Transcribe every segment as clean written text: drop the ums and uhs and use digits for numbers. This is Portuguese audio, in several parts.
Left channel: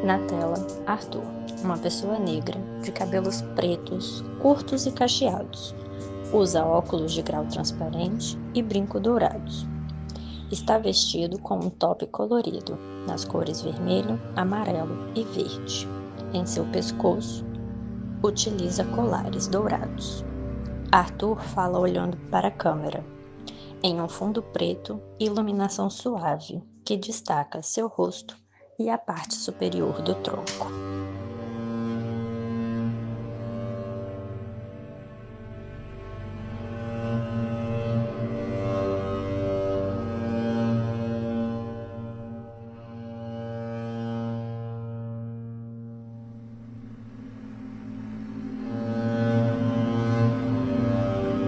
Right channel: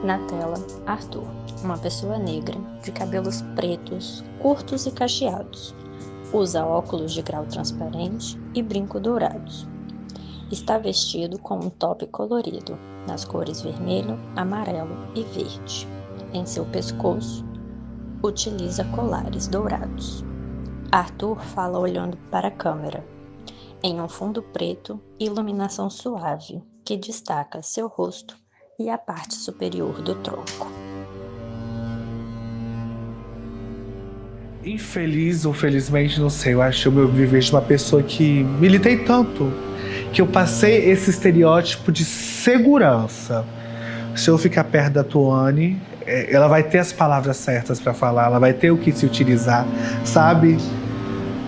Na tela, Arthur, uma pessoa negra, de cabelos pretos, curtos e cacheados. Usa óculos de grau transparente e brinco dourados. Está vestido com um top colorido, nas cores vermelho, amarelo e verde. Em seu pescoço, utiliza colares dourados. Arthur fala olhando para a câmera, em um fundo preto e iluminação suave, que destaca seu rosto e a parte superior do tronco. Infeliz ou felizmente, não sei, eu acho que eu me vivi de uma pessoa que militei tanto, que eu passei esse estereótipo de segurança. Se eu ficar perto da Tuane, ela vai ter as palavras certas para falar, ela vai ter o que se utilizar, sabe?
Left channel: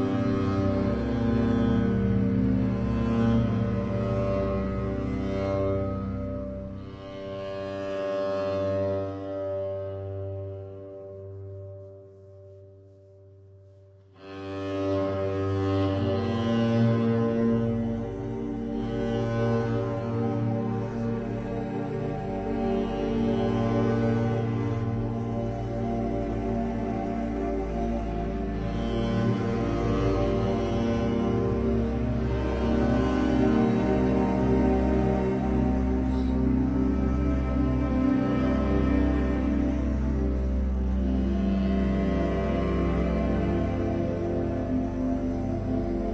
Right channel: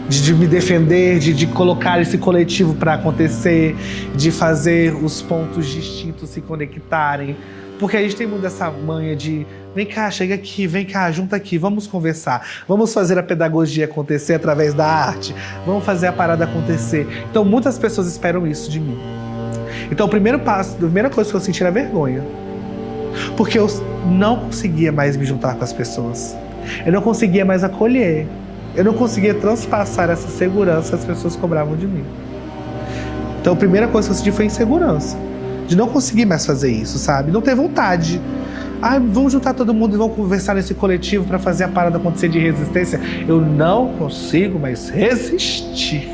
De me defender, de colocar esse coletivo para acontecer, de fazer os pontos distintos se conectarem. Porque a gente tem muito essa manha de vem cá, chega aqui, vem cá, junta aqui, vamos conversar. Vamos fazer a pedagogia acontecer através da arte. Vamos fazer a parada acontecer. Então muitas pessoas esperam isso de mim. Então o primeiro passo, a primeira coisa que eu senti era vergonha. Porque eu não conseguia mais me juntar com as pessoas. Eu não conseguia mais acolher. Eu não conseguia transpassar essa segurança que as pessoas cobravam de mim. Então a primeira coisa que eu senti foi insegurança. De não conseguir mais fazer isso, sabe? Não ter vontade. Vamos juntar todo mundo e vamos conversar nesse coletivo para fazer a parada acontecer de resistência. Eu não consigo mais resistir.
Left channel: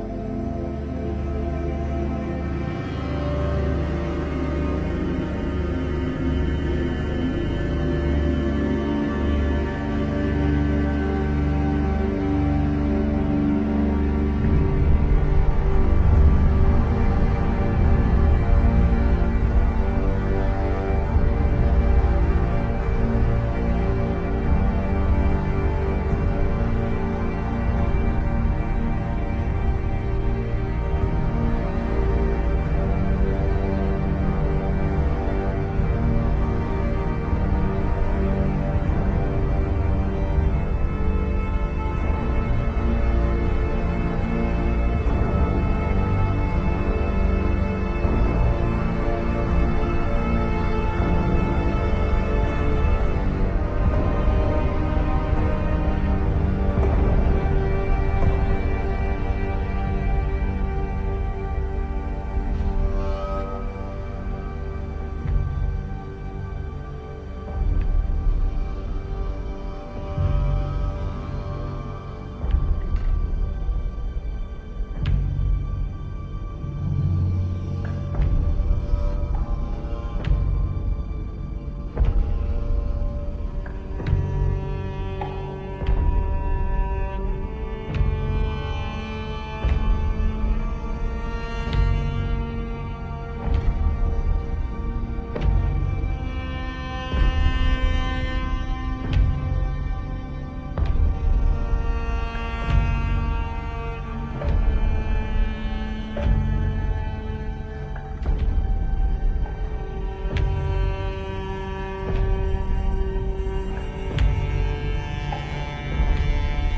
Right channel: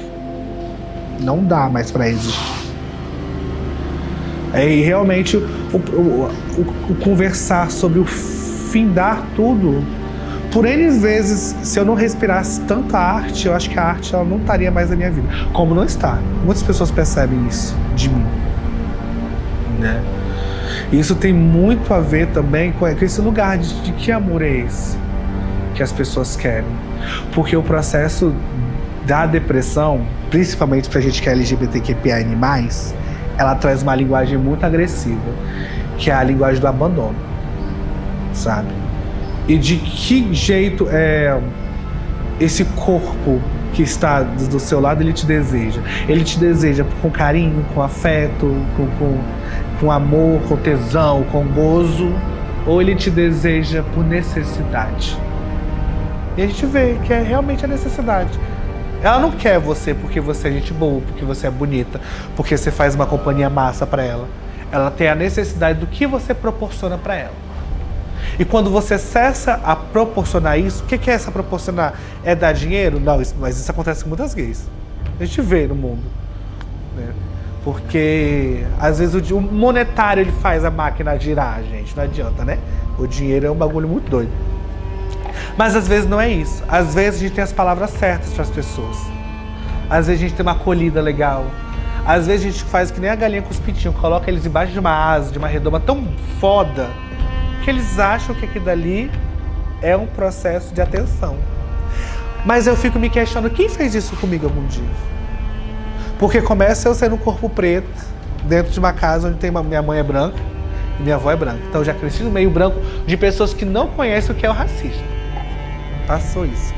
Não dá mais para resistir. E realmente o conversar sobre o findar tudo. Por N vezes, se eu não respirasse tanta arte, eu acho que a arte ela não estaria mais na minha vida. Como não está. Muitas pessoas percebem isso de mim. Né? E isso tem muito a ver também com esse lugar de que amor é esse que as pessoas querem. Porque o processo da depressão, principalmente pra gente que é LGBTQIA+, ela traz uma linguagem muito agressiva, que é a linguagem do abandono, sabe? E de que jeito esse corpo que está do seu lado, ele te deseja? Ele te deseja com carinho, com afeto, com amor, com tesão, com gozo, ou ele te deseja por necessidade? E a gente vê que é realmente a necessidade. Ela não quer você porque você é gente boa, porque você é bonita, porque você faz uma companhia massa para ela. Ela tem a necessidade do que você proporciona para ela. E quando você cessa a proporcionar isso, o que é essa proporcionar? É dar dinheiro? Não, mas isso acontece com muitas gays. A gente vê no mundo. Né? Porque, às vezes, o monetário ele faz a máquina girar, gente. Não adianta, né? O dinheiro é um bagulho muito doido. Mas, às vezes, não é isso. Às vezes, a gente tem as palavras certas para as pessoas. Às vezes, a gente tem uma acolhida legal. Às vezes, a gente faz que nem a galinha com os pintinhos. Coloca eles embaixo de uma asa, de uma redoma tão foda, que eles acham que aquilo dali é um processo de atenção. Mas eu fico me questionando, quem fez isso comigo algum dia? Porque começa eu sendo um corpo preto, dentro de uma casa onde minha mãe é branca e minha avó é branca. Então eu já cresci no meio branco de pessoas que não conhecem o que é o racismo. Passou isso.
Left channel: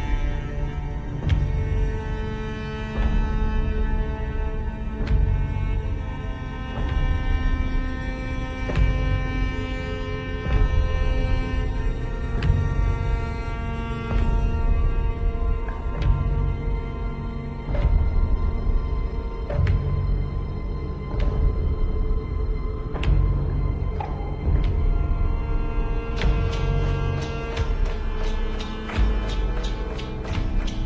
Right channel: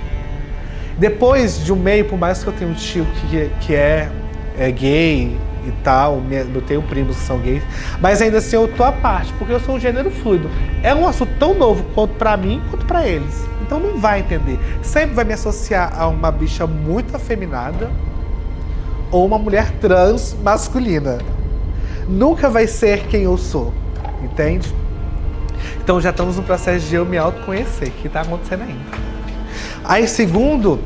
Depois de um meio, por mais que eu tenha um tio que é gay, e tal, eu tenho primos que são gays, mas ainda assim eu tô à parte, porque eu sou um gênero fluido. É um assunto tão novo quanto pra mim, quanto pra eles. Então não vai entender. Sempre vai me associar a uma bicha muito afeminada ou uma mulher trans masculina. Nunca vai ser quem eu sou, entende? Então já estamos no processo de eu me autoconhecer, que tá acontecendo ainda. Aí segundo,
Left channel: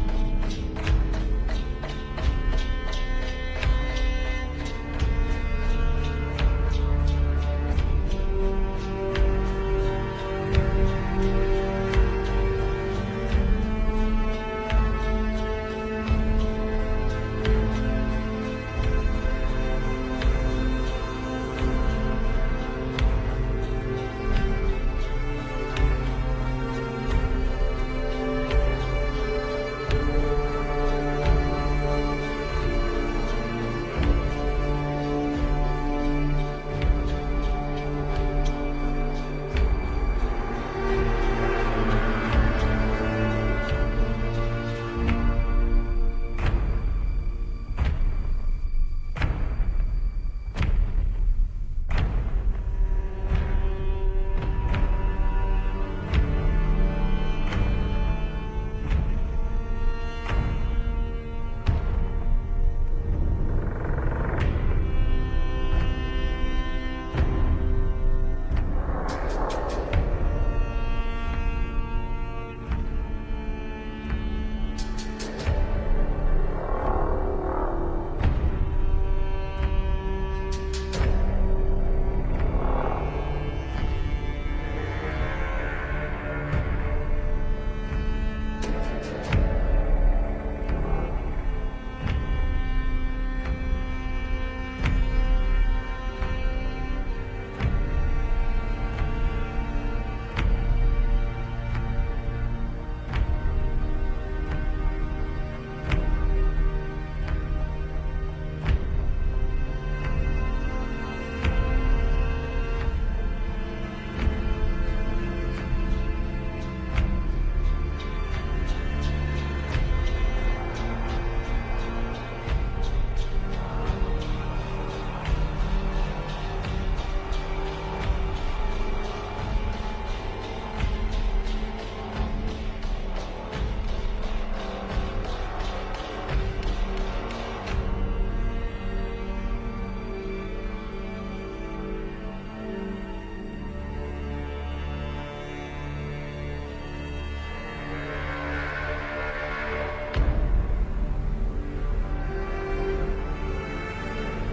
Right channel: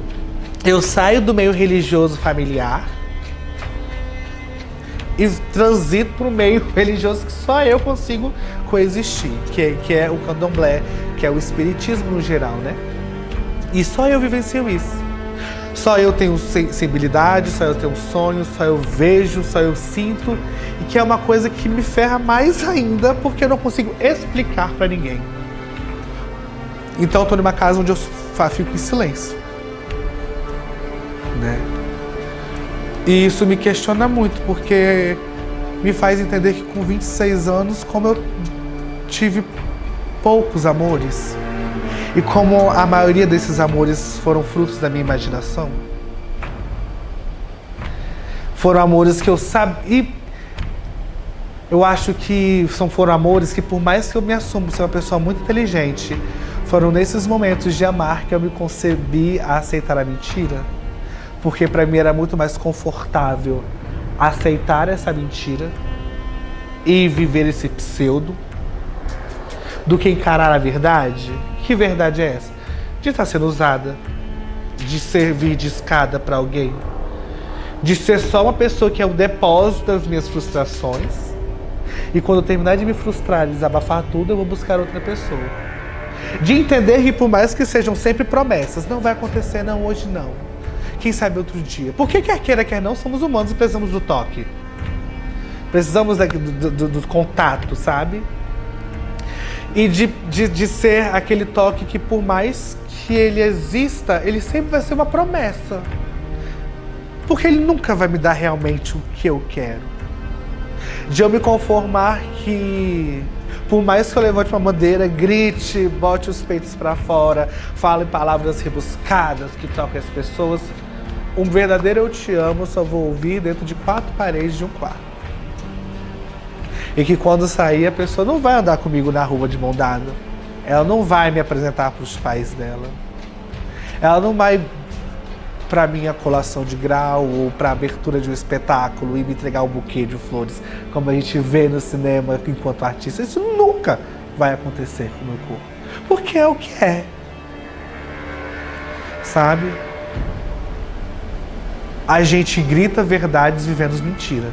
eu saio do meio religioso familiar, e transito para o meio religioso que só eu consigo coexistir, que é o candomblé, que é o espiritismo no geral, né? E só eu vivencio isso. Só eu tenho sensibilidade, só eu tenho sonhos, só eu vejo, só eu sinto. E que é uma coisa que me ferra mais ainda, porque eu não consigo explicar para ninguém. Então eu tô numa casa onde eu fico em silêncio, né? E isso me questiona muito, porque me faz entender que com 26 anos, como eu tive poucos amores, e como a maioria desses amores foram frutos da minha imaginação, foram amores que eu sabia. Eu acho que foram amores que, por mais que eu me assuma ser uma pessoa muito inteligente, foram nesses momentos de amar que eu me concebi a aceitar a mentira. Porque para mim era muito mais confortável aceitar essa mentira e viver esse pseudo do que encarar a verdade. Que verdade é essa? De estar sendo usada, de servir de escada para alguém, de ser só uma pessoa que é o depósito das minhas frustrações, e quando eu terminar de me frustrar e desabafar tudo, eu vou buscar outra pessoa. De entender que, por mais que sejam sempre promessas, não vai acontecer, não, hoje não. Quem sabe outro dia. Porque quer queira, quer não, somos humanos e precisamos do toque. Precisamos do contato, sabe? E de ser aquele toque que, por mais que ele exista, ele sempre vai ser uma promessa. Porque ele nunca vai me dar realmente o que eu quero. De eu me conformar que, por mais que eu levante uma bandeira, grite, bote os peitos pra fora, fale palavras rebuscadas que toquem as pessoas, um verdadeiro eu te amo eu só vou ouvir dentro de 4 paredes de um quarto. E que quando sair, a pessoa não vai andar comigo na rua de mão dada. Ela não vai me apresentar para os pais dela. Ela não vai para minha colação de grau ou para a abertura de um espetáculo e me entregar um buquê de flores, como a gente vê no cinema enquanto artista. Isso nunca vai acontecer com o meu corpo. Porque é o que é. Sabe? A gente grita verdades vivendo mentira.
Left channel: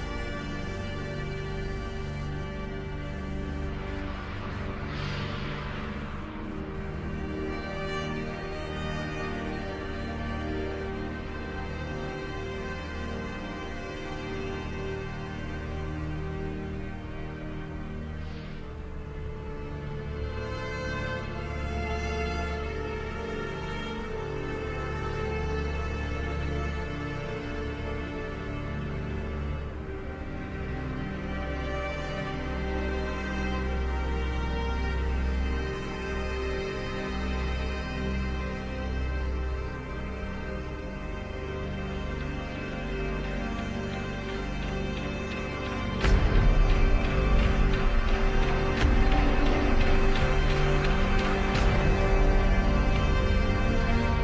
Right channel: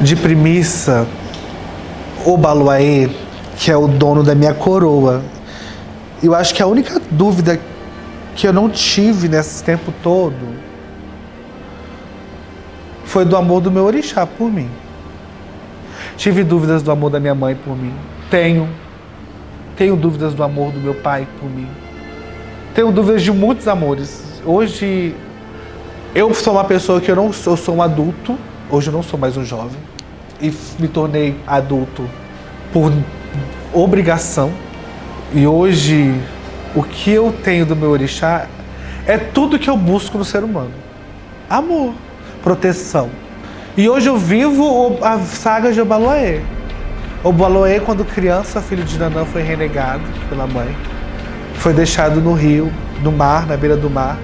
De premissa, o Baluaê, que é o dono da minha coroa, eu acho que a única dúvida que eu não tive nesse tempo todo foi do amor do meu orixá por mim. Tive dúvidas do amor da minha mãe por mim. Tenho dúvidas do amor do meu pai por mim. Tenho dúvidas de muitos amores. Hoje, eu sou uma pessoa que eu sou um adulto. Hoje eu não sou mais um jovem. E me tornei adulto por obrigação. E hoje, o que eu tenho do meu orixá é tudo que eu busco no ser humano. Amor, proteção. E hoje eu vivo a saga de Obaloaê. Obaloaê, quando criança, filho de Nanã, foi renegado pela mãe. Foi deixado no rio, no mar, na beira do mar,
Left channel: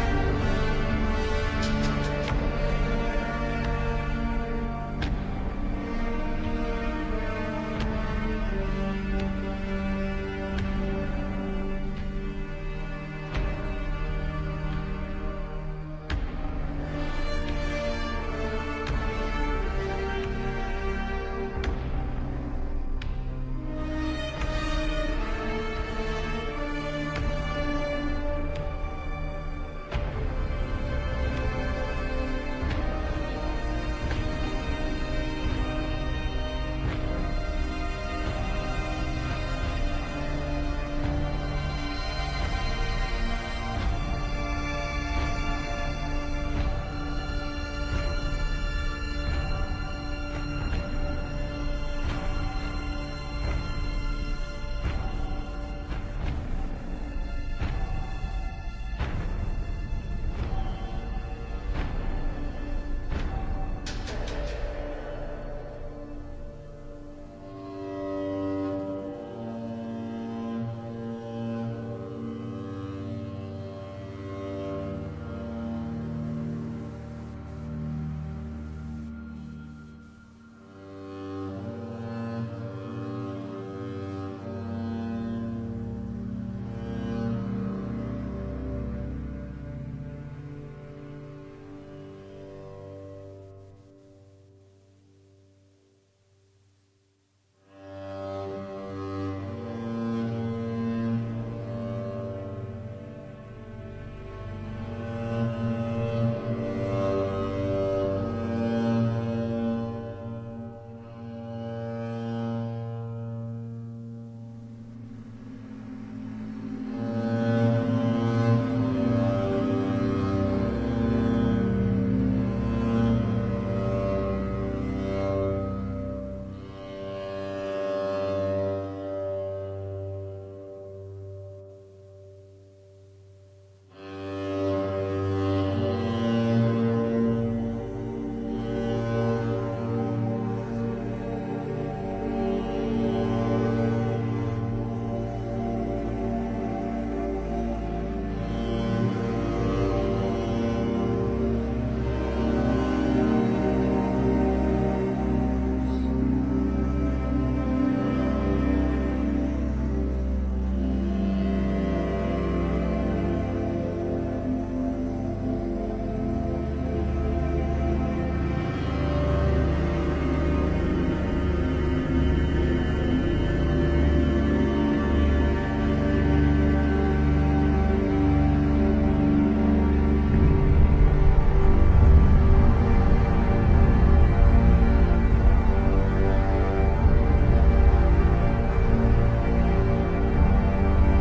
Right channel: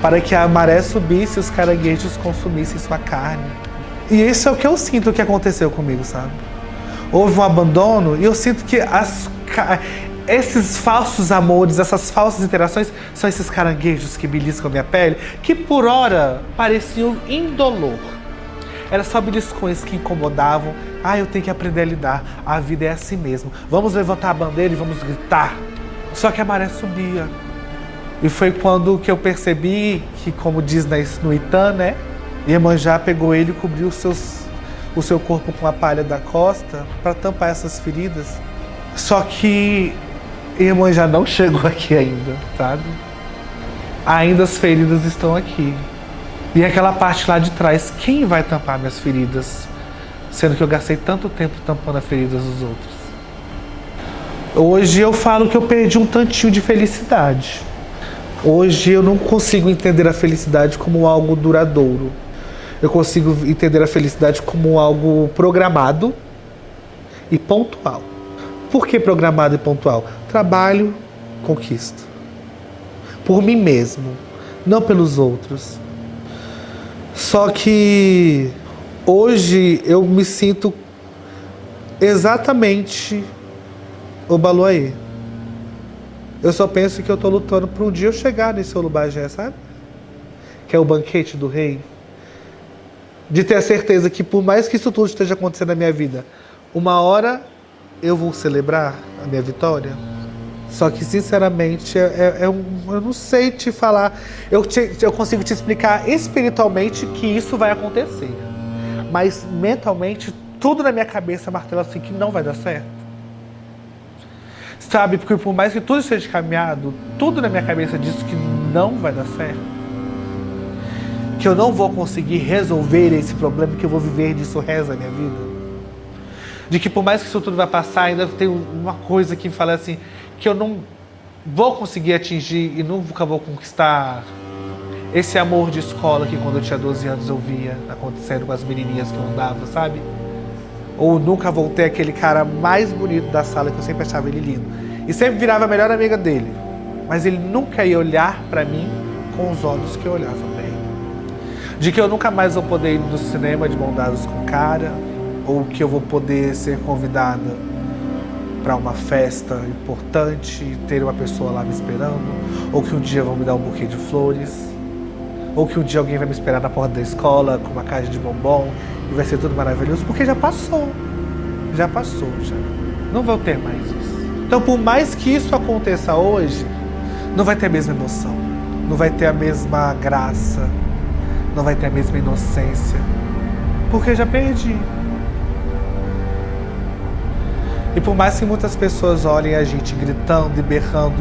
para que a maré subisse e os caranguejos consumissem sua carne. E isso é o que eu sinto que aconteceu comigo, sabe? Houve um abandono e eu sinto que esses falsos amores, essas falsas interações, são esses caranguejos que beliscam a minha pele, que por hora pareciam indolor. Eram só beliscões que incomodavam. Eu tenho que aprender a lidar. A vida é assim mesmo. Vamos levantar a bandeira e vamos gritar. Só que a maré subia. E foi quando que eu percebi que, como diz no Itã, né? Iemanjá pegou ele e cobriu o seu corpo com a palha da costa para tampar essas feridas. Só que Iemanjá não chegou aqui ainda, sabe? Ainda as feridas estão aqui. E aquela parte lá de trás, quem vai tampar minhas feridas? Sendo que eu gastei tanto tempo tampando as feridas dos outros. Hoje eu falo que eu perdi um tantinho de felicidade. Hoje eu não consigo entender a felicidade como algo duradouro. Eu consigo entender a felicidade como algo programado e pontual. Por que programado e pontual? Trabalho, conquista. Por mim mesmo, não pelos outros. Só que hoje eu me sinto exatamente Obaloaê. Eu só penso que eu tô lutando para um dia eu chegar nesse Olubagé, sabe? Que é o banquete do rei. De ter a certeza que por mais que isso tudo esteja acontecendo na minha vida, uma hora eu vou celebrar a minha vitória. Só que, sinceramente, eu não sei te falar. Eu consigo te explicar espiritualmente que isso vai acontecer. Mas, mentalmente, tudo na minha cabeça martela assim que não vai dar certo. Sabe? Porque por mais que tudo esteja caminhado, tudo na minha cabeça diz que não vai dar certo. Que eu não vou conseguir resolver esse problema, que eu vou viver disso o resto da minha vida. De que por mais que isso tudo vai passar, ainda tem uma coisa que fala assim, que eu não vou conseguir atingir e nunca vou conquistar esse amor de escola que quando eu tinha 12 anos eu via acontecendo com as menininhas que eu andava, sabe? Ou nunca vou ter aquele cara mais bonito da sala que eu sempre achava ele lindo. E sempre virava a melhor amiga dele. Mas ele nunca ia olhar pra mim com os olhos que eu olhava pra ele. De que eu nunca mais vou poder ir no cinema de mão dadas com o cara, ou que eu vou poder ser convidada para uma festa importante e ter uma pessoa lá me esperando, ou que um dia vão me dar um buquê de flores, ou que um dia alguém vai me esperar na porta da escola com uma caixa de bombom e vai ser tudo maravilhoso, porque já passou. Já passou, já. Não vou ter mais isso. Então, por mais que isso aconteça hoje, não vai ter a mesma emoção, não vai ter a mesma graça, não vai ter a mesma inocência, porque eu já perdi. E por mais que muitas pessoas olhem a gente gritando e berrando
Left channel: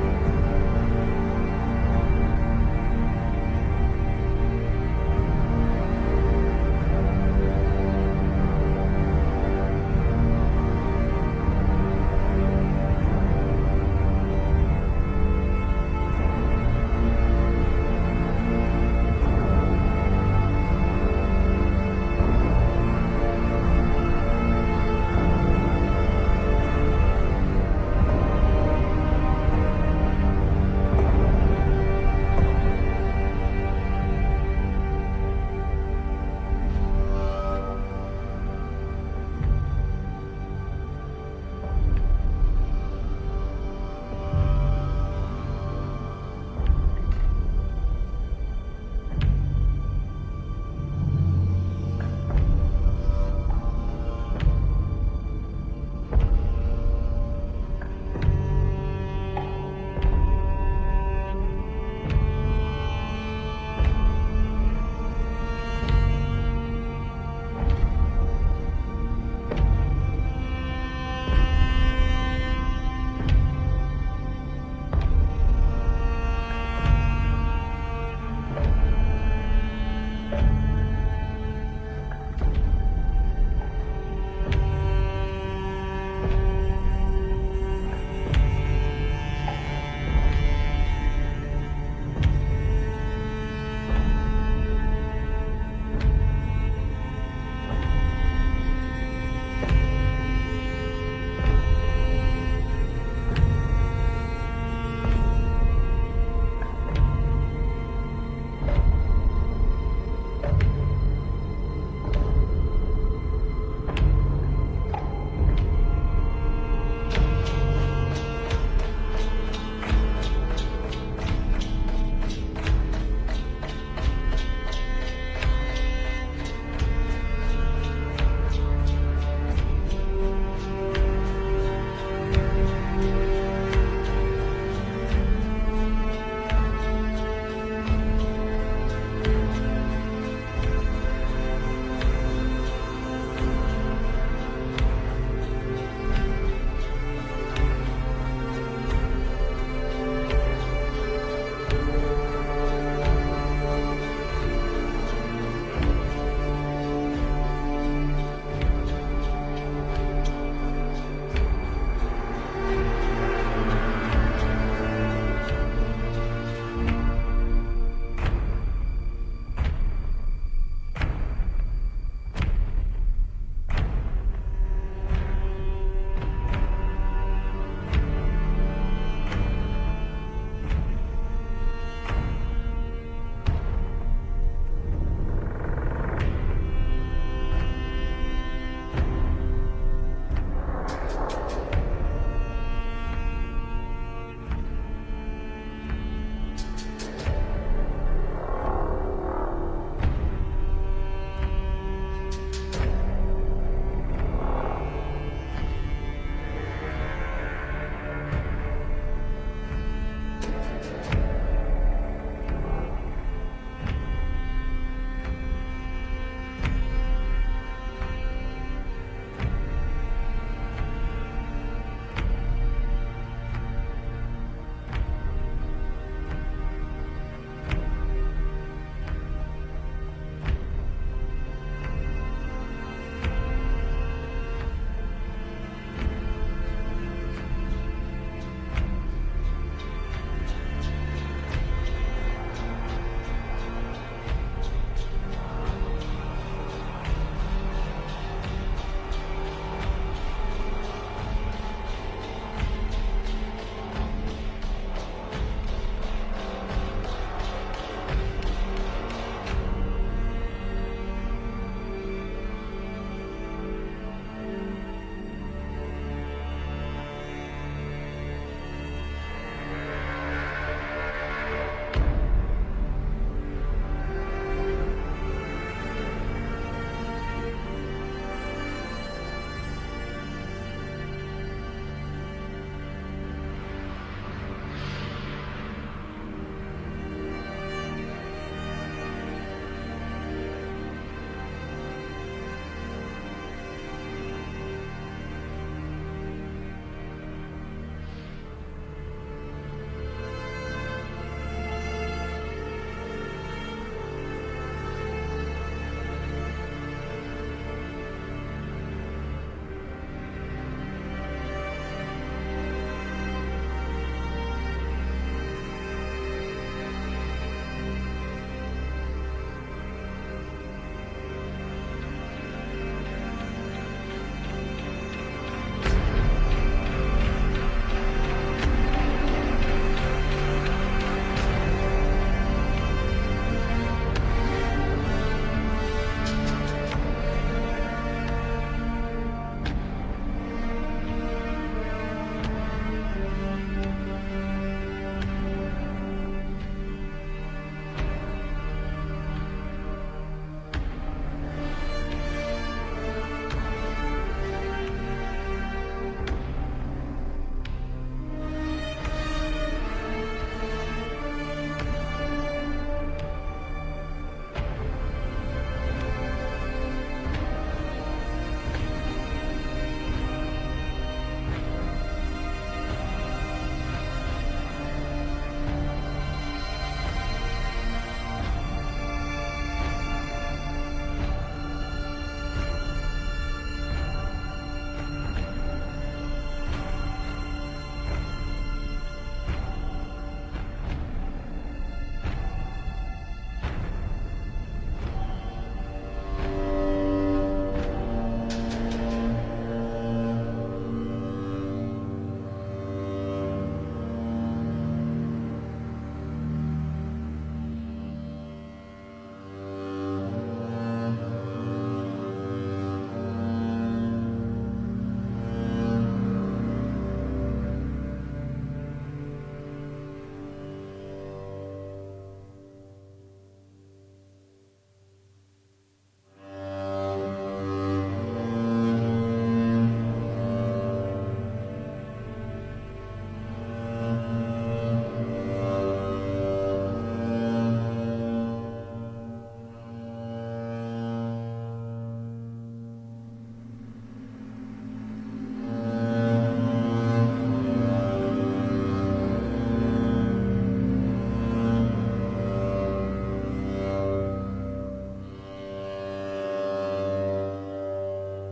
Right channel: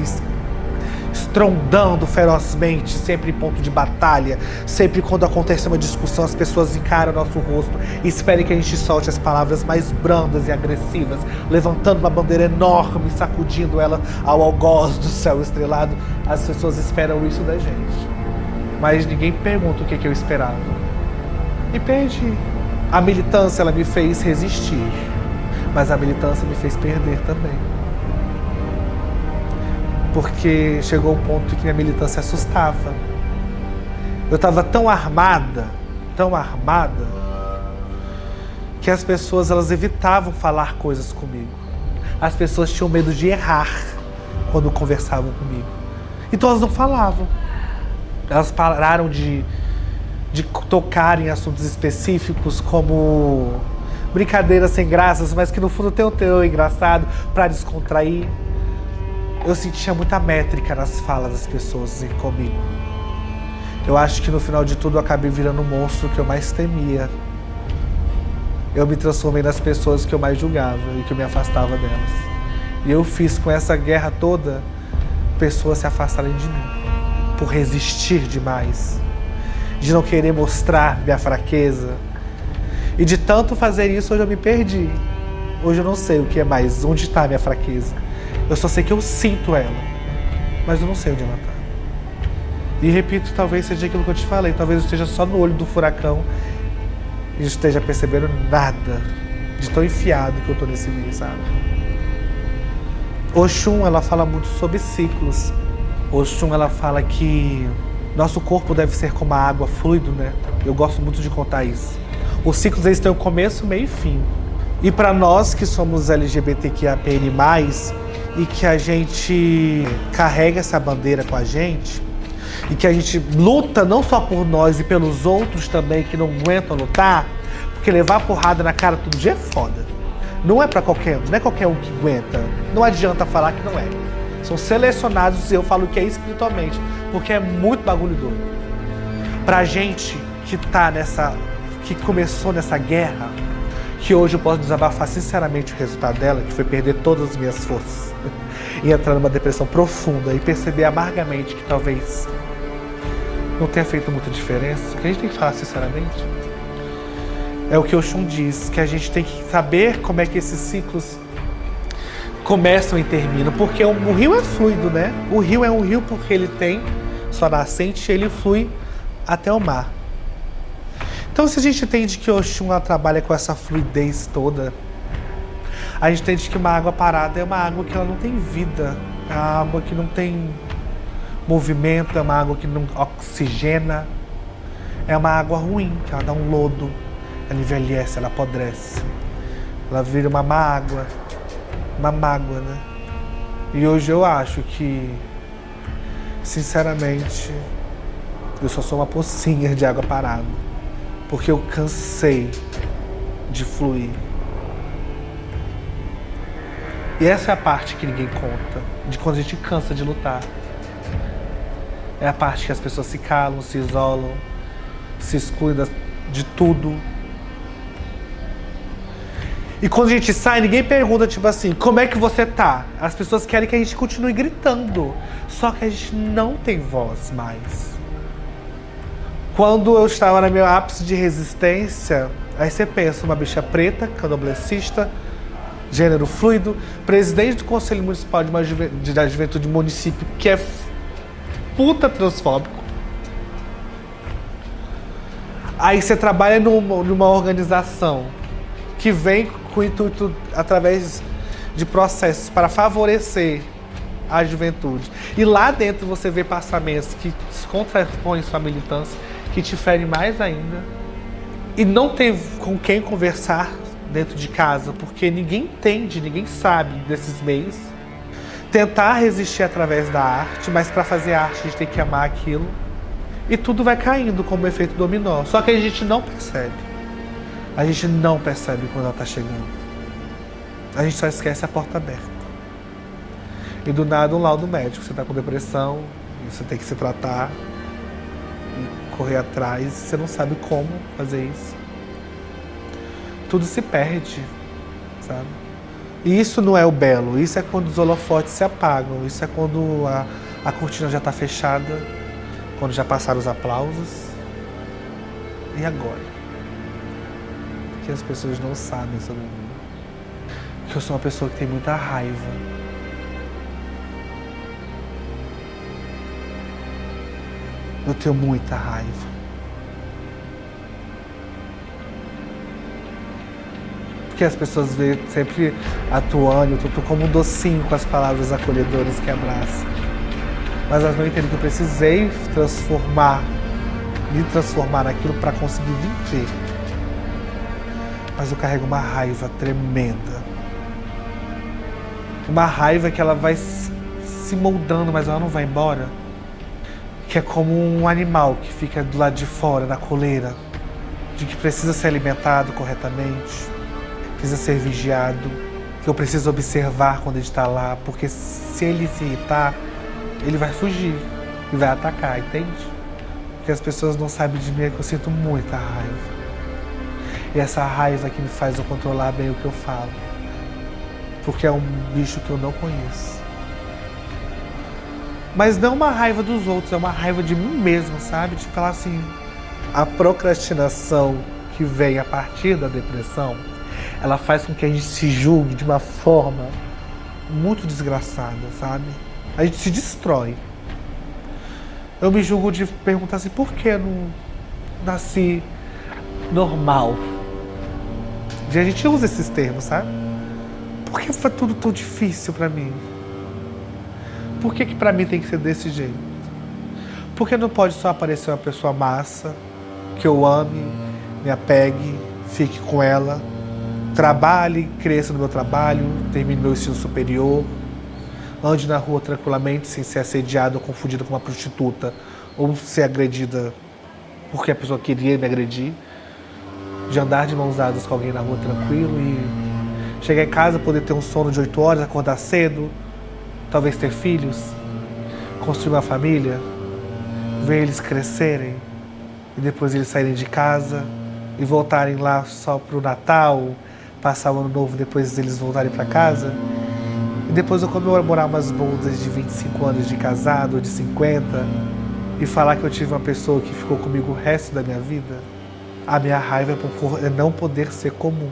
e estrondando ferozmente, sempre em ponto de batalha, sempre quando acontece uma discussão, as pessoas encaram o nosso rosto e esperem que a gente solte as palavras mais brandas e agressivas, levantando uma bandeira enorme, sacudindo ela ao algoz do céu estrelado. As pessoas esperam isso da gente. Mas ninguém pergunta o que eu esperava. E perdi. A militância, ela me fez resistir. Mas a militância me fez perder também. Porque chegou um ponto que a militância assustava. Eu estava tão armada, que as pessoas elas evitavam falar coisas comigo. As pessoas tinham medo de errar quando conversavam comigo. Então elas não falavam. Elas pararam de tocar em assuntos específicos como brincadeiras sem graças, mas que no fundo tem um teor engraçado para descontrair. Eu sentia muita métrica nas falas das pessoas comigo. Eu acho que no final de tudo eu acabei virando o monstro que eu mais temia. Eu me transformei nas pessoas que eu mais julgava e que eu me afastava delas. E eu fiz com essa guerra toda pessoas se afastarem de mim, por resistir demais, de não querer mostrar minha fraqueza. E de tanto fazer isso, hoje eu me perdi. Hoje eu não sei o que é mais, onde está a minha fraqueza. Eu só sei que eu sinto ela, mas eu não sei onde ela está. E repito, talvez seja aquilo que eu te falei, talvez eu esteja só no olho do furacão e não esteja percebendo nada de tão enfiado que eu tô nesse meio, sabe? Oxum, ela fala muito sobre ciclos. Oxum, ela fala que nosso corpo deve ser como a água, fluido, né? Eu gosto muito de contar isso. Os ciclos, eles têm o começo, meio e fim. E para nós que somos LGBTQIAPN+, e que a gente carrega essa bandeira com a gente, e que a gente luta não só por nós e pelos outros também que não aguentam lutar, porque levar porrada na cara todo dia é foda. Não é para qualquer um, não é qualquer um que aguenta. Não adianta falar que não é. São selecionados, e eu falo que é espiritualmente, porque é muito bagulho doido. Pra gente que tá que começou nessa guerra, que hoje eu posso desabafar sinceramente o resultado dela, que foi perder todas as minhas forças e entrar numa depressão profunda e perceber amargamente que talvez não tenha feito muita diferença, que a gente tem que falar sinceramente. É o que o Oxum diz, que a gente tem que saber como é que esses ciclos começam e terminam, porque o rio é fluido, né? O rio é um rio porque ele tem sua nascente e ele flui até o mar. Então, se a gente entende que Oxum trabalha com essa fluidez toda, a gente entende que uma água parada é uma água que ela não tem vida, é uma água que não tem movimento, é uma água que não oxigena, é uma água ruim, que ela dá um lodo, ela envelhece, ela apodrece, ela vira uma mágoa, né? E hoje eu acho que, sinceramente, eu só sou uma pocinha de água parada. Porque eu cansei de fluir. E essa é a parte que ninguém conta, de quando a gente cansa de lutar. É a parte que as pessoas se calam, se isolam, se excluem de tudo. E quando a gente sai, ninguém pergunta, tipo assim, como é que você tá? As pessoas querem que a gente continue gritando. Só que a gente não tem voz mais. Quando eu estava no meu ápice de resistência, aí você pensa, uma bicha preta, candomblessista, gênero fluido, presidente do Conselho Municipal da Juventude do município, que é puta transfóbico. Aí você trabalha numa organização que vem com o intuito, através de processos para favorecer a juventude. E lá dentro você vê passamentos que contrapõem sua militância, que te ferem mais ainda. E não tem com quem conversar dentro de casa, porque ninguém entende, ninguém sabe desses meios. Tentar resistir através da arte, mas para fazer arte a gente tem que amar aquilo. E tudo vai caindo como efeito dominó. Só que a gente não percebe. A gente não percebe quando ela está chegando. A gente só esquece a porta aberta. E do nada um laudo médico. Você está com depressão, você tem que se tratar, correr atrás, você não sabe como fazer isso. Tudo se perde, sabe? E isso não é o belo, isso é quando os holofotes se apagam, isso é quando a cortina já está fechada, quando já passaram os aplausos. E agora? Que as pessoas não sabem sobre mim. Que eu sou uma pessoa que tem muita raiva. Eu tenho muita raiva. Porque as pessoas veem sempre atuando, eu tô como um docinho com as palavras acolhedoras que abraçam. Mas elas não entendem que eu precisei me transformar naquilo para conseguir viver. Mas eu carrego uma raiva tremenda. Uma raiva que ela vai se moldando, mas ela não vai embora. Que é como um animal que fica do lado de fora, na coleira, de que precisa ser alimentado corretamente, precisa ser vigiado, que eu preciso observar quando ele está lá, porque se ele se irritar, ele vai fugir e vai atacar, entende? Porque as pessoas não sabem de mim, é que eu sinto muita raiva. E essa raiva que me faz eu controlar bem o que eu falo, porque é um bicho que eu não conheço. Mas não uma raiva dos outros, é uma raiva de mim mesmo, sabe? De falar assim, a procrastinação que vem a partir da depressão, ela faz com que a gente se julgue de uma forma muito desgraçada, sabe? A gente se destrói. Eu me julgo de perguntar assim, por que eu não nasci normal? E a gente usa esses termos, sabe? Por que foi tudo tão difícil pra mim? Por que pra mim tem que ser desse jeito? Por que não pode só aparecer uma pessoa massa, que eu ame, me apegue, fique com ela, trabalhe, cresça no meu trabalho, termine meu ensino superior, ande na rua tranquilamente, sem ser assediada ou confundida com uma prostituta, ou ser agredida porque a pessoa queria me agredir, de andar de mãos dadas com alguém na rua tranquilo e chegar em casa, poder ter um sono de 8 horas, acordar cedo, talvez ter filhos, construir uma família, ver eles crescerem e depois eles saírem de casa e voltarem lá só pro Natal, passar o Ano Novo, depois eles voltarem para casa. E depois eu comemorar umas bodas de 25 anos de casado ou de 50 e falar que eu tive uma pessoa que ficou comigo o resto da minha vida. A minha raiva é não poder ser comum.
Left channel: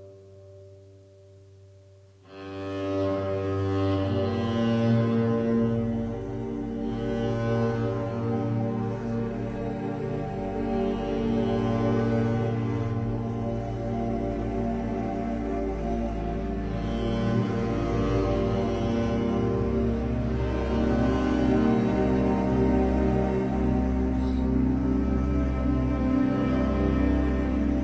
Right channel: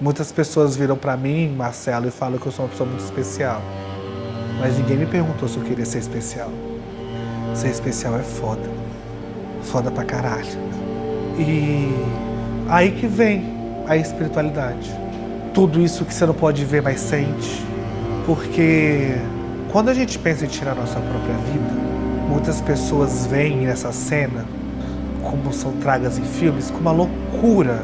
Muitas pessoas viram pra mim, Marcelo, e falam que eu sou uma pessoa muito especial. Mas ninguém me perguntou se eu queria ser especial. Ser especial é foda. Foda pra caralho. E aí que vem a espiritualidade. Tudo isso que você não pode ver, mas sente. Porque quando a gente pensa em tirar a nossa própria vida, muitas pessoas veem essa cena, como são tragas em filmes, com uma loucura,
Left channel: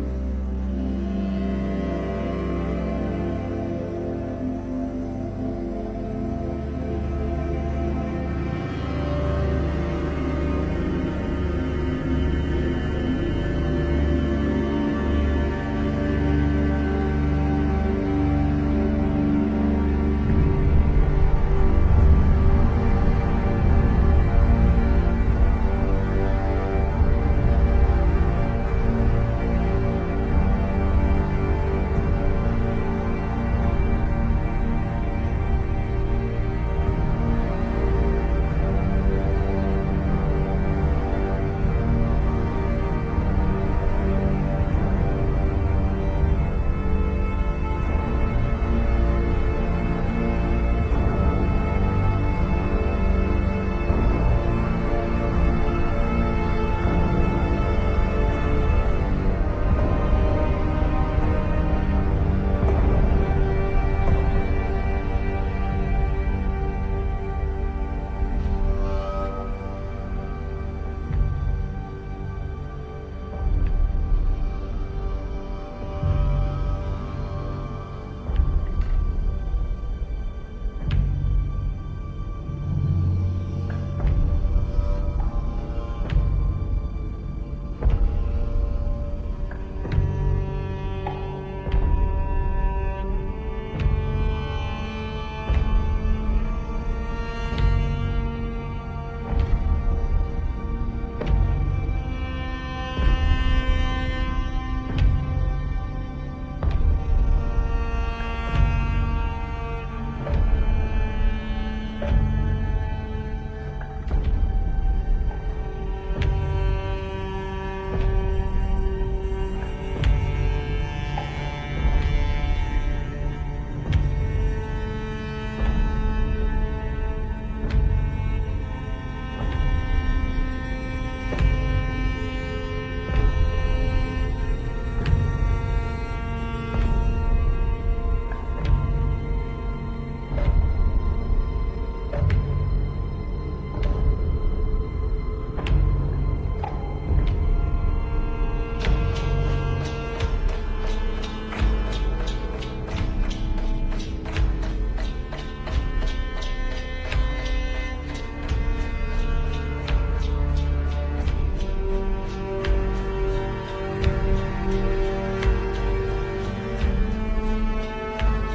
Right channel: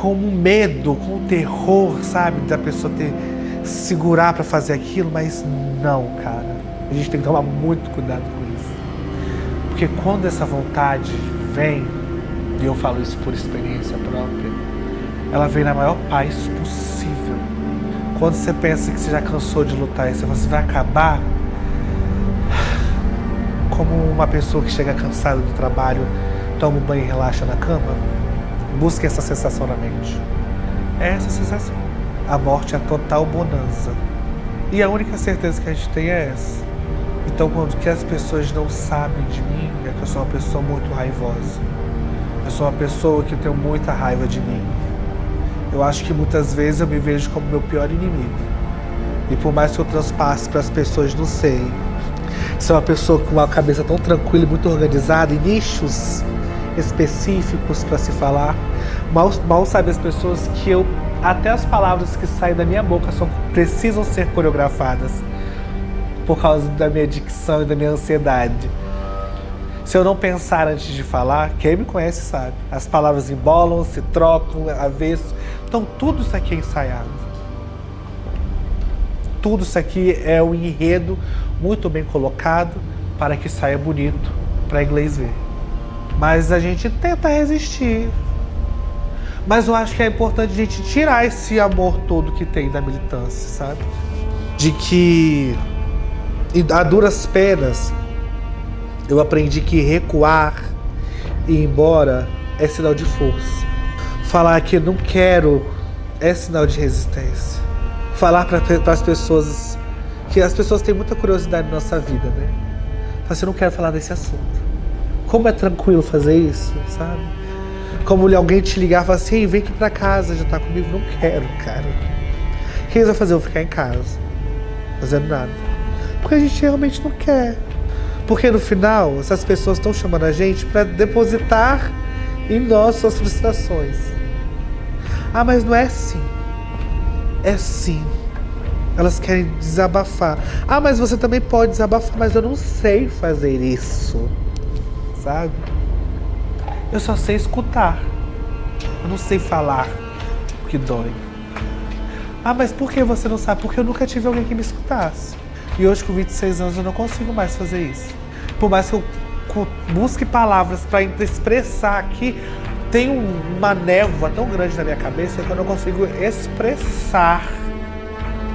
com um medo, com um terror, sabe? Da pessoa segurar pra fazer aquilo, mas não, cara. A gente tem que tomar muito cuidado com isso. Porque quando essa vontade vem, e eu falo isso por experiência própria, ela vem na maior paz possível. Quando você pensa que você já cansou de lutar e você vai acabar, como uma pessoa que chega cansada do trabalho, toma um banho e relaxa na cama, busque essa sensação na mente. É essa sensação. A morte é a total bonança. E a única certeza que a gente tem é essa. Então, quando que as pessoas não sabem de mim, é que eu sou uma pessoa muito raivosa. Eu sou uma pessoa que tem muita raiva de mim. Eu acho que muitas vezes eu me vejo como meu pior inimigo. E por mais que eu transpasse para as pessoas, não sei. Sou uma pessoa com uma cabeça tão tranquila e muito organizada, em nichos específicos para se falar. Mal sabem as pessoas que até as palavras que saem da minha boca precisam ser coreografadas por causa da minha dicção e da minha ansiedade. Se eu não pensar antes de falar, quem me conhece sabe. As palavras embolam, se trocam, avesso. Então tudo isso aqui é ensaiado. Tudo isso aqui é um enredo muito bem colocado para que saia bonito para inglês ver. Mas a gente tenta resistir. Mas eu acho que é importante a gente tirar esse amor todo que tem da militância, sabe? De que, a duras penas, eu aprendi que recuar e ir embora é sinal de força. Falar que não quero é sinal de resistência. Falar para as pessoas que as pessoas têm muita curiosidade na nossa vida, né? Mas eu não quero falar desse assunto. Como é tranquilo fazer isso, sabe? Como alguém te ligar e falar assim, vem aqui pra casa, já tá comigo. Não quero, cara. O que eles vão fazer? Eu vou ficar em casa, fazendo nada. Porque a gente realmente não quer. Porque no final, essas pessoas estão chamando a gente para depositar em nós suas frustrações. Ah, mas não é assim. É sim. Elas querem desabafar. Ah, mas você também pode desabafar, mas eu não sei fazer isso. Sabe? Eu só sei escutar. Eu não sei falar o que dói. Ah, mas por que você não sabe? Porque eu nunca tive alguém que me escutasse. E hoje, com 26 anos, eu não consigo mais fazer isso. Por mais que eu busque palavras para expressar aqui, tem uma névoa tão grande na minha cabeça que eu não consigo expressar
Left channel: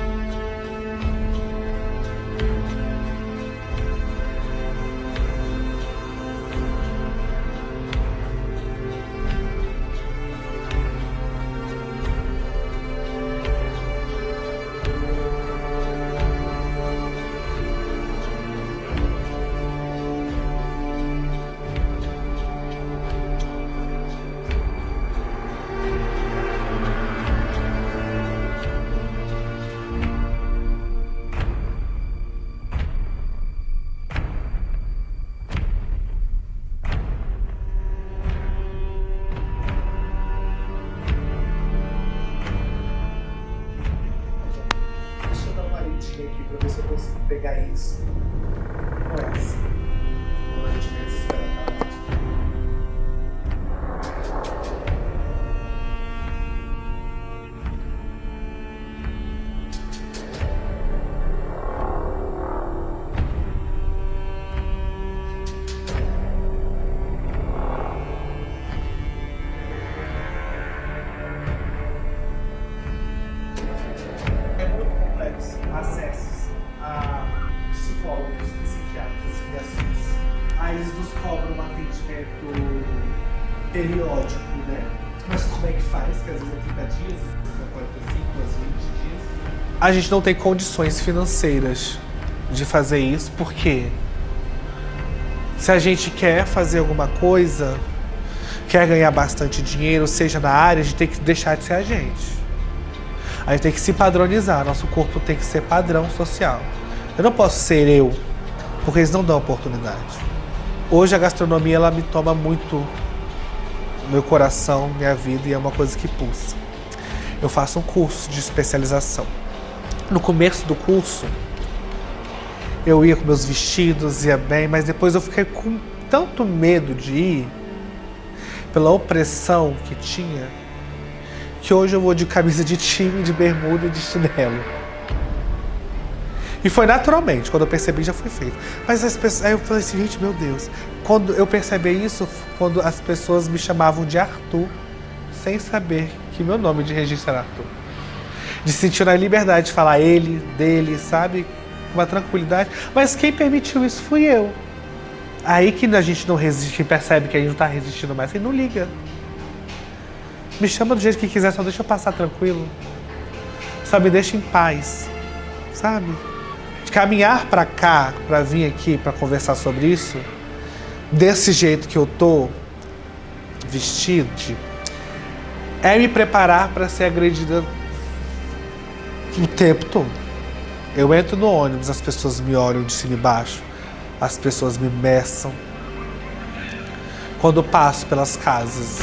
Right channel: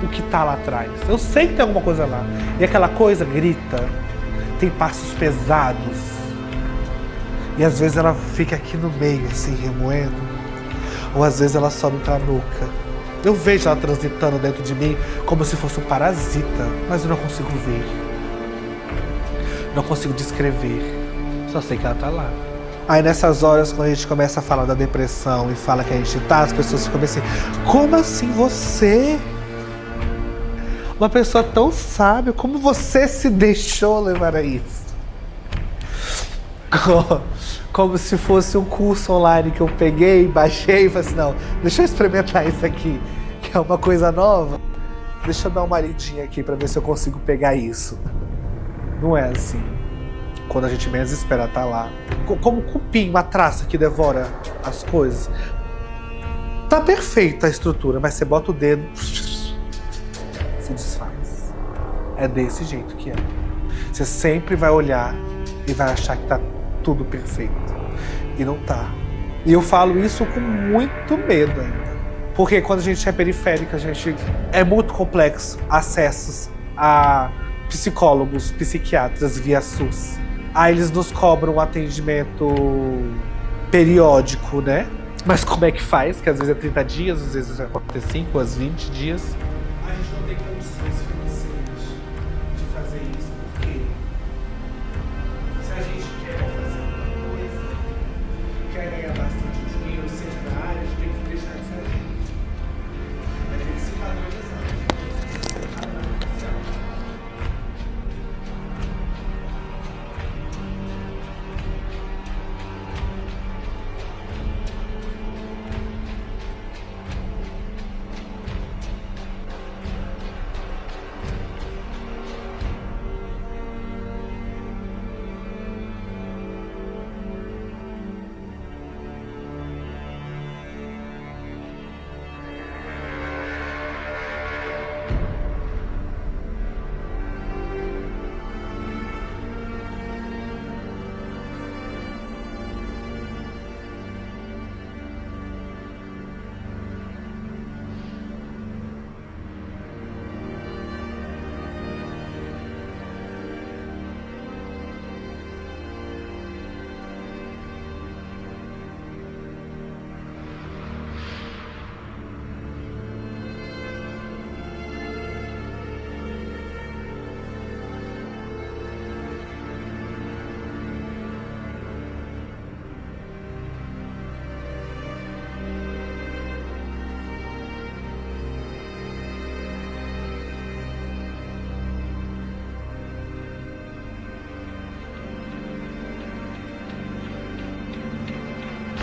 o que tá lá atrás. Eu sei que tem alguma coisa lá. E aquela coisa grita, tem passos pesados. E às vezes ela fica aqui no meio, assim, remoendo. Ou às vezes ela sobe pra nuca. Eu vejo ela transitando dentro de mim como se fosse um parasita, mas eu não consigo ver. Não consigo descrever. Só sei que ela tá lá. Aí nessas horas, quando a gente começa a falar da depressão e fala que a gente tá, as pessoas ficam assim, como assim você? Uma pessoa tão sábia, como você se deixou levar a isso? Como se fosse um curso online que eu peguei, baixei e falei assim, não, deixa eu experimentar isso aqui, que é uma coisa nova. Deixa eu dar uma lidinha aqui pra ver se eu consigo pegar isso. Não é assim. Quando a gente menos espera tá lá. Como um cupim, uma traça que devora as coisas. Tá perfeita a estrutura, mas você bota o dedo, se desfaz. É desse jeito que é. Você sempre vai olhar e vai achar que tá tudo perfeito. E não tá. E eu falo isso com muito medo ainda. Porque quando a gente é periférica, a gente é muito complexo acessos a psicólogos, psiquiatras via SUS. Aí eles nos cobram um atendimento periódico, né? Mas como é que faz? Que às vezes é 30 dias, às vezes é 45, às 20 dias. A gente não tem condições financeiras de fazer isso, porque se a gente quer fazer alguma coisa, quer ganhar bastante dinheiro, seja na área, a gente tem que deixar de ser a gente. A gente tem que se padronizar, nosso corpo tem que ser padrão social. Eu não posso ser eu, porque eles não dão oportunidade. Hoje a gastronomia, ela me toma muito meu coração, minha vida, e é uma coisa que pulsa. Eu faço um curso de especialização. No começo do curso, eu ia com meus vestidos, ia bem, mas depois eu fiquei com tanto medo de ir, pela opressão que tinha, que hoje eu vou de camisa de time, de bermuda e de chinelo. E foi naturalmente, quando eu percebi já foi feito. Mas as pessoas, aí eu falei assim, gente, meu Deus. Quando eu percebi isso, quando as pessoas me chamavam de Arthur, sem saber que meu nome de registro era Arthur. De sentir a liberdade de falar ele, dele, sabe? Com uma tranquilidade. Mas quem permitiu isso fui eu. Aí que a gente não resiste, quem percebe que a gente não tá resistindo mais, quem não liga. Me chama do jeito que quiser, só deixa eu passar tranquilo. Só me deixa em paz, sabe? De caminhar pra cá, pra vir aqui, pra conversar sobre isso, desse jeito que eu tô vestido, é me preparar pra ser agredida o tempo todo. Eu entro no ônibus, as pessoas me olham de cima e baixo, as pessoas me meçam. Quando eu passo pelas casas,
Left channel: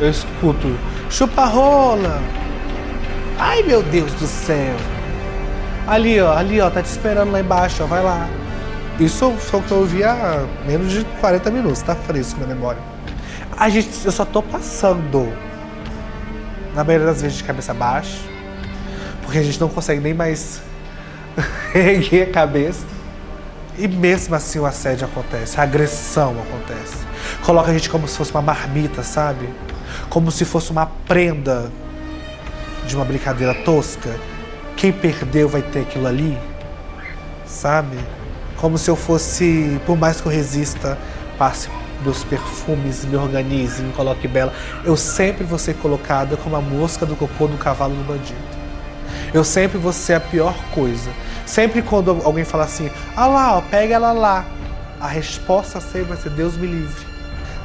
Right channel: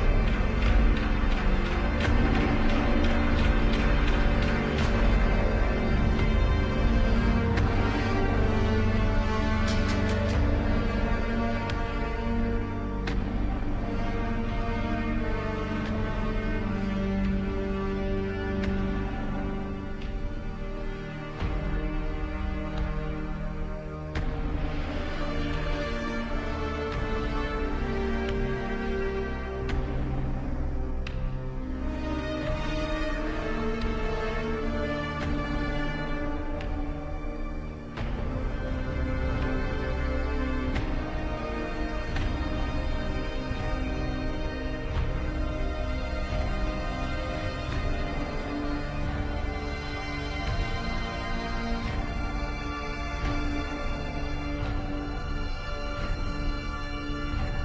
eu escuto chupa rola. Ai, meu Deus do céu. Ali, ó, tá te esperando lá embaixo, ó, vai lá. Isso foi o que eu ouvi há menos de 40 minutos, tá fresco na memória. Eu só tô passando, na maioria das vezes, de cabeça baixa, porque a gente não consegue nem mais erguer a cabeça. E mesmo assim o assédio acontece, a agressão acontece. Coloca a gente como se fosse uma marmita, sabe? Como se fosse uma prenda de uma brincadeira tosca. Quem perdeu vai ter aquilo ali, sabe? Como se eu fosse, por mais que eu resista, passe meus perfumes, me organize, me coloque bela, eu sempre vou ser colocada como a mosca do cocô do cavalo do bandido. Eu sempre vou ser a pior coisa. Sempre quando alguém fala assim, ah lá, ó, pega ela lá, a resposta sempre vai ser Deus me livre.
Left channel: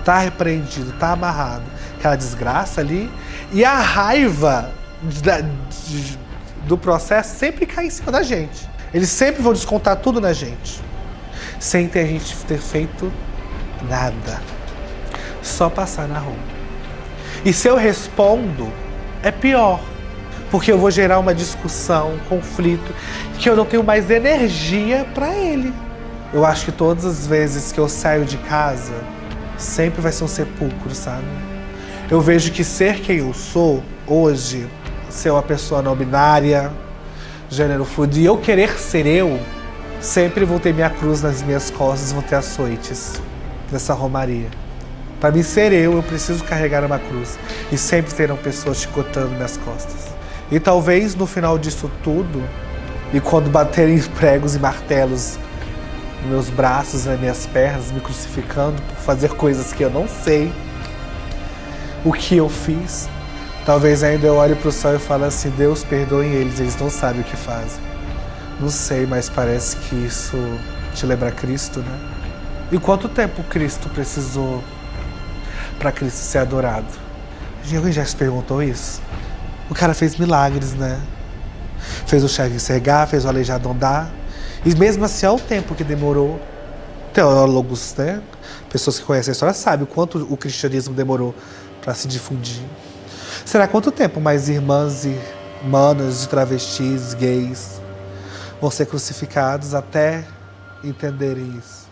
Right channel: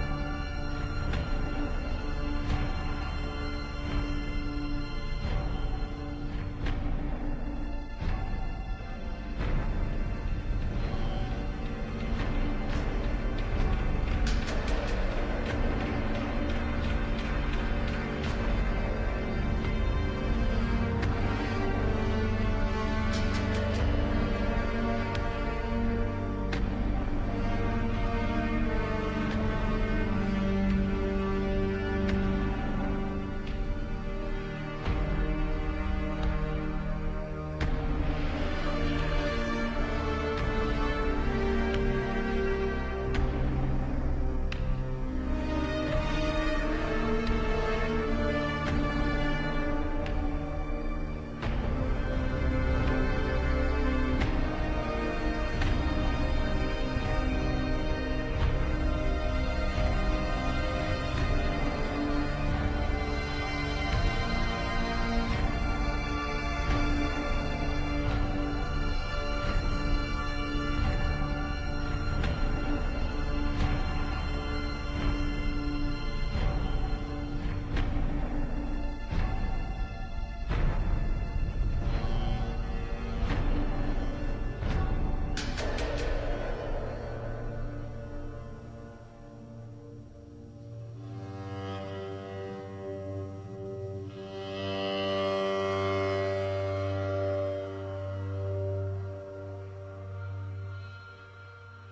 Tá repreendido, tá amarrado. Aquela desgraça ali. E a raiva do processo sempre cai em cima da gente. Eles sempre vão descontar tudo na gente. Sem ter a gente ter feito nada. Só passar na rua. E se eu respondo, é pior. Porque eu vou gerar uma discussão, um conflito, que eu não tenho mais energia para ele. Eu acho que todas as vezes que eu saio de casa, sempre vai ser um sepulcro, sabe? Eu vejo que ser quem eu sou hoje, ser uma pessoa não binária, gênero fluido, e eu querer ser eu, sempre vou ter minha cruz nas minhas costas, vou ter açoites dessa romaria. Para mim ser eu preciso carregar uma cruz. E sempre terão pessoas chicotando minhas costas. E talvez no final disso tudo, e quando baterem pregos e martelos nos meus braços, nas minhas pernas, me crucificando por fazer coisas que eu não sei o que eu fiz, talvez ainda eu olhe para o céu e fale assim, Deus, perdoe eles não sabem o que fazem. Não sei, mas parece que isso te lembra Cristo, né? E quanto tempo Cristo precisou para Cristo ser adorado? Alguém já se perguntou isso? O cara fez milagres, né? Fez o cego enxergar, fez o aleijado andar. E mesmo assim, olha o tempo que demorou. Teólogos, né? Pessoas que conhecem a história sabem o quanto o cristianismo demorou para se difundir. Será quanto tempo mais irmãs e manas de travestis, gays, vão ser crucificados até entenderem isso?